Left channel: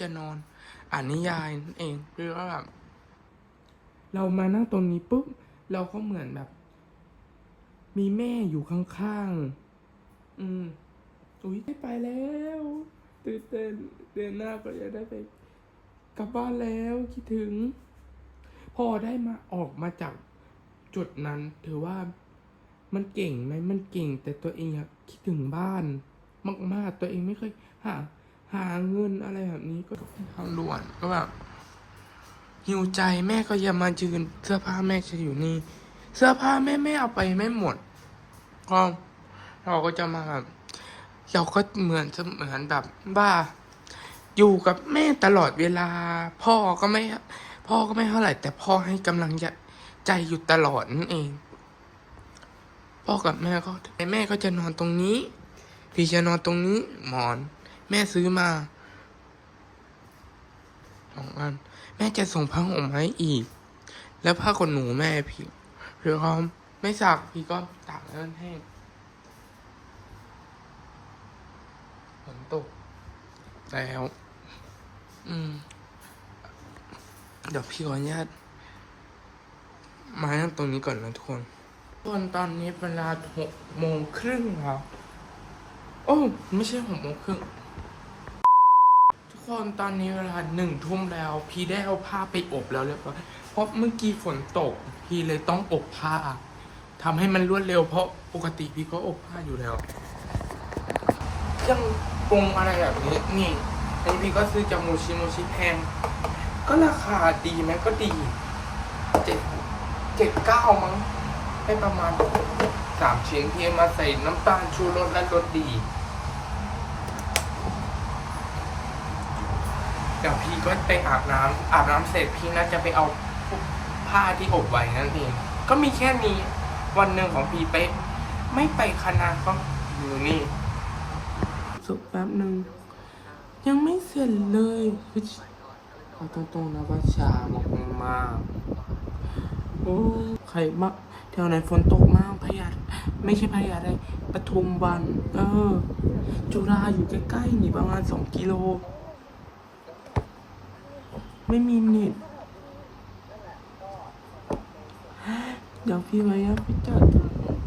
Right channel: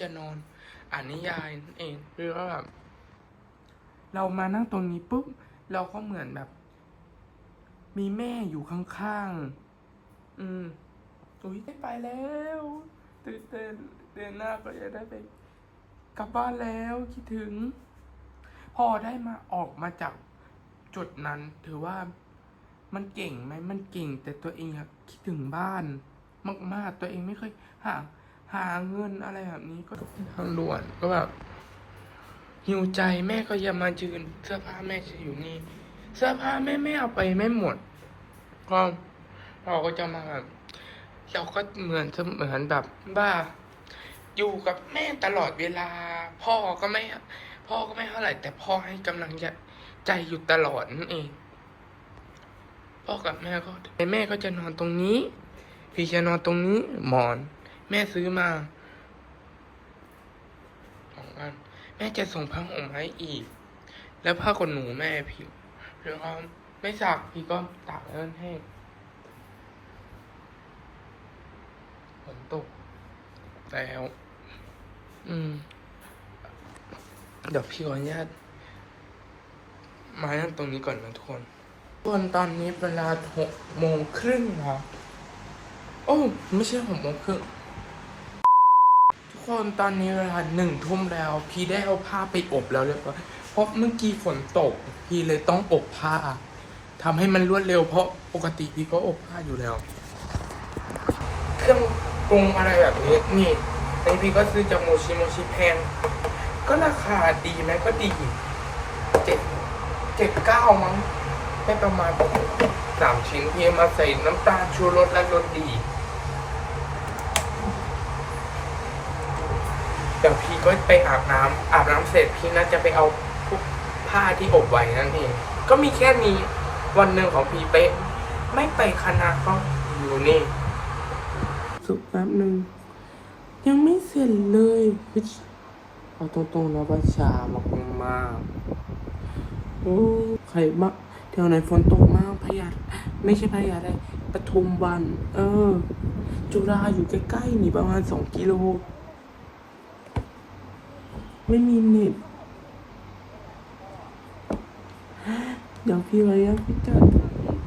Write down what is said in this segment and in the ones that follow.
จะนอนอ่านนิยายนั่นเองคือว่าแบบเรามานั่งตรงนี้ปุ๊บเราก็เหมือนแบบ มีแม่อยู่ข้างๆ อืมอุ้ยได้ไปแล้วตื่นเต้นเดือนหน้าก็จะได้ไป กลับบ้านแล้วคิดถึง พอได้มาออกมาจากจุดนั้น ถือว่ามันเก่งไหมมันเก่ง แต่ตัวเองอะคิดถึงบ้านมากๆตัวเองไม่เคยห่า หาเงินอะไรแบบนี้ก็ทางด่วนก็แบบหิวใจแม่ก็อย่ามายืนเสื้อผ้าแม่จะอยู่นี่ เสื้อผ้าแม่ไม่เอาไปไม่หมด ก็เราก็จะมาแบบเราก็เหมือนเหมือนแบบว่าอยู่กับแม่ตลอดเวลา พ่อก็ไม่ พ่อก็ไม่เท่าไหร่ แต่พ่อให้กำลังใจอยู่ตลอดนั่นเอง พ่อกับแม่ก็แต่แม่ก็จะนอนตรงนี้ พี่จะนอนตรงนี้หมอน แม่ซื้อมาสองอันแม่จะส่งผ้าห่มให้อีก แล้วผ้าขนหนูแม่พี่หรือเขาไม่สักพี่ก็ตากแล้วแห้งฝนตกแล้ว อืม เดี๋ยวพี่ขออนุญาตมานั่งตรงนี้ก่อนนะทุกคนส่วนตอนนี้เวลาหกโมงครึ่งครับ โอ้ ไม่ใช่หกโมงครึ่ง คนตอนนี้เวลาหนึ่งทุ่มแล้ว พี่ได้เอาผ้าไปอบแล้วเรียบร้อยเพราะเมื่อกี้ฝนตก พี่เลยต้องอบผ้าทำให้มันรวดเร็วเพราะปกติพี่ก็อบผ้าอยู่แล้ว เครื่องปรุงอะไรแบบนี้นี่ในพี่ก็ซื้อจากโมชิโมชิแพง ก็ราคาดีไหมก็ดีเจ็ดเจ็ดเก้ามั้งได้ประมาณสามชิ้นพี่มาใส่น้ำตาลชูรสและรสดี เดี๋ยวพี่ก็ไปอาบน้ำอาบน้ำเสร็จพี่น่าจะไปเอาพวกผ้าที่อบไว้นั่นเอง ก็มีแค่นี้วันหนึ่งของพี่เป๊ะ ไม่ไปคณะก็อยู่นี่ สุกแป๊บหนึ่งยังไม่เสร็จเลยคือเอาตรงๆนะว่าชามากมากๆโอ้ใครบ้างแถวไหนฝนตกมากพยาไม่ใช่พยาได้ปทุมวัน เออ จุฬาอยู่ใกล้ๆนี่ประมาณสองกิโล ไม่มีเน็ตเดี๋ยวพี่ไว้อะพี่จัด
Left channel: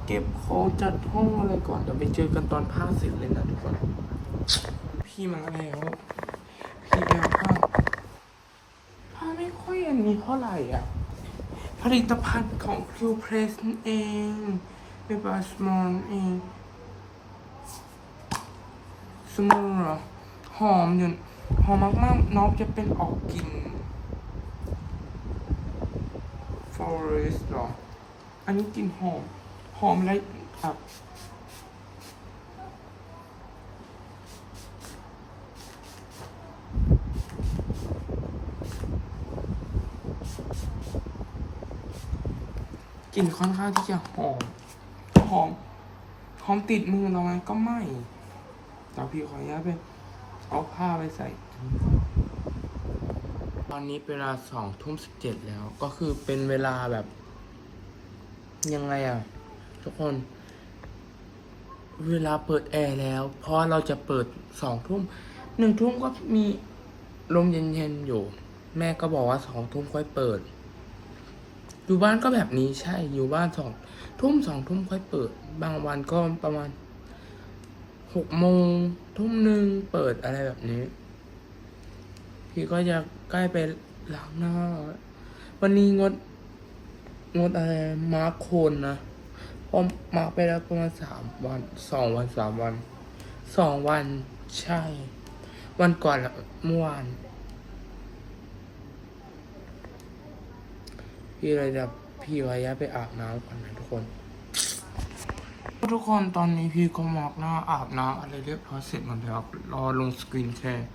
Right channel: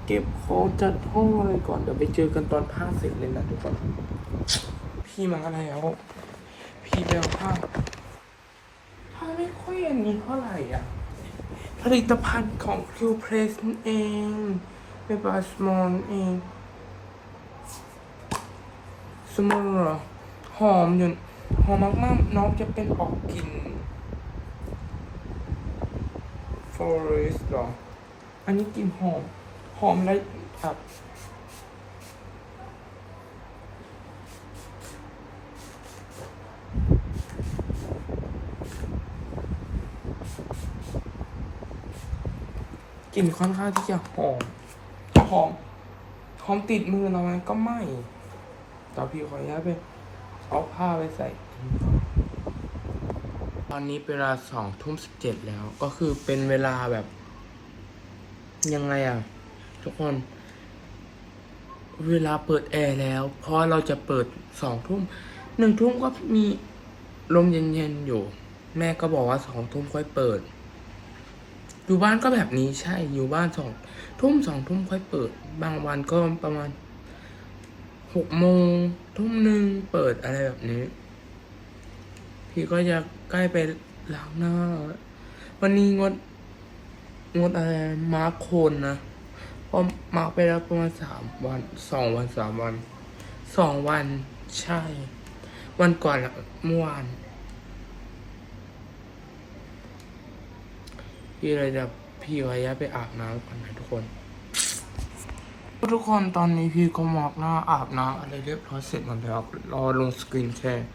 เก็บของจัดห้องอะไรก่อน เดี๋ยวไปเจอกันตอนผ้าเสร็จเลยนะทุกคน พี่มาแล้ว พี่ไปเอาผ้าผ้าไม่ค่อยอันนี้เท่าไหร่อะ ผลิตภัณฑ์ของ Q Press นั่นเองเป็นบาสมอนเองสมอร์เหรอหอมอยู่ หอมมากๆน้องจะเป็นออกกลิ่น forest หรอ อันนี้กลิ่นหอม หอมและแบบกลิ่นค่อนข้างที่จะหอม หอม หอมติดมือเราไหมก็ไม่แต่พี่ขออนุญาตไป เอาผ้าไปใส่ตอนนี้เวลาสองทุ่มสิบเจ็ดแล้ว ก็คือเป็นเวลาแบบ ยังไงอะทุกคน เวลาเปิดแอร์แล้ว เพราะเราจะเปิดสองทุ่มหนึ่งทุ่มก็มีลมเย็นๆอยู่ แม่ก็บอกว่าสองทุ่มค่อยเปิด อยู่บ้านก็แบบนี้ใช่อยู่บ้านสองทุ่มสองทุ่มค่อยเปิด บางวันก็ประมาณหกโมง ทุ่มหนึ่งเปิดอะไรแบบนี้ พี่ก็จะใกล้ไปล้างหน้า วันนี้งด งดอะไรมาร์คโคนนะเพราะมาร์คไปแล้วประมาณสามวันสองวันสามวันสองวันใช่ วันก่อนเมื่อวานพี่เลยจะพี่ว้ยะไปอาบน้ำก่อนนะทุกคน ทุกคนตอนนี้พี่ก็หมอกหน้าอาบน้ำอะไรเรียบร้อยเสร็จหมดแล้วรอลงสกรีนแชร์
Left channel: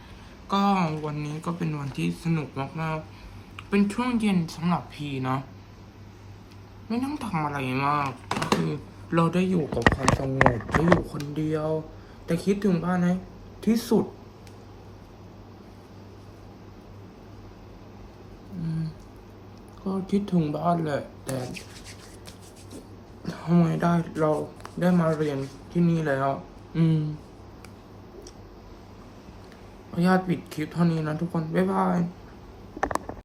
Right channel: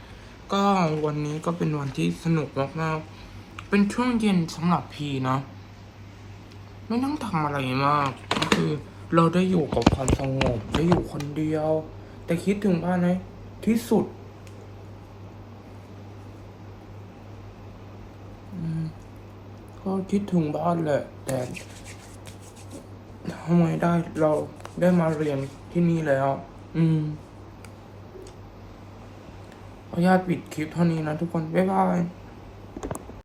ก็วันนี้ก็เป็นวันที่สนุกมากๆเป็นช่วงเย็นสำหรับพี่นะ ไม่ต้องทำอะไรมาก ก็คือเราได้อยู่กับความสงบได้อยู่คนเดียว แต่คิดถึงบ้านไหมที่สุดก็คิดถึงบ้านแหละแต่ทำไงได้เรา ได้มาเรียนที่นี่แล้ว อืมโออนุญาตปิดคลิปเท่านี้นะทุกคน บ๊ายบาย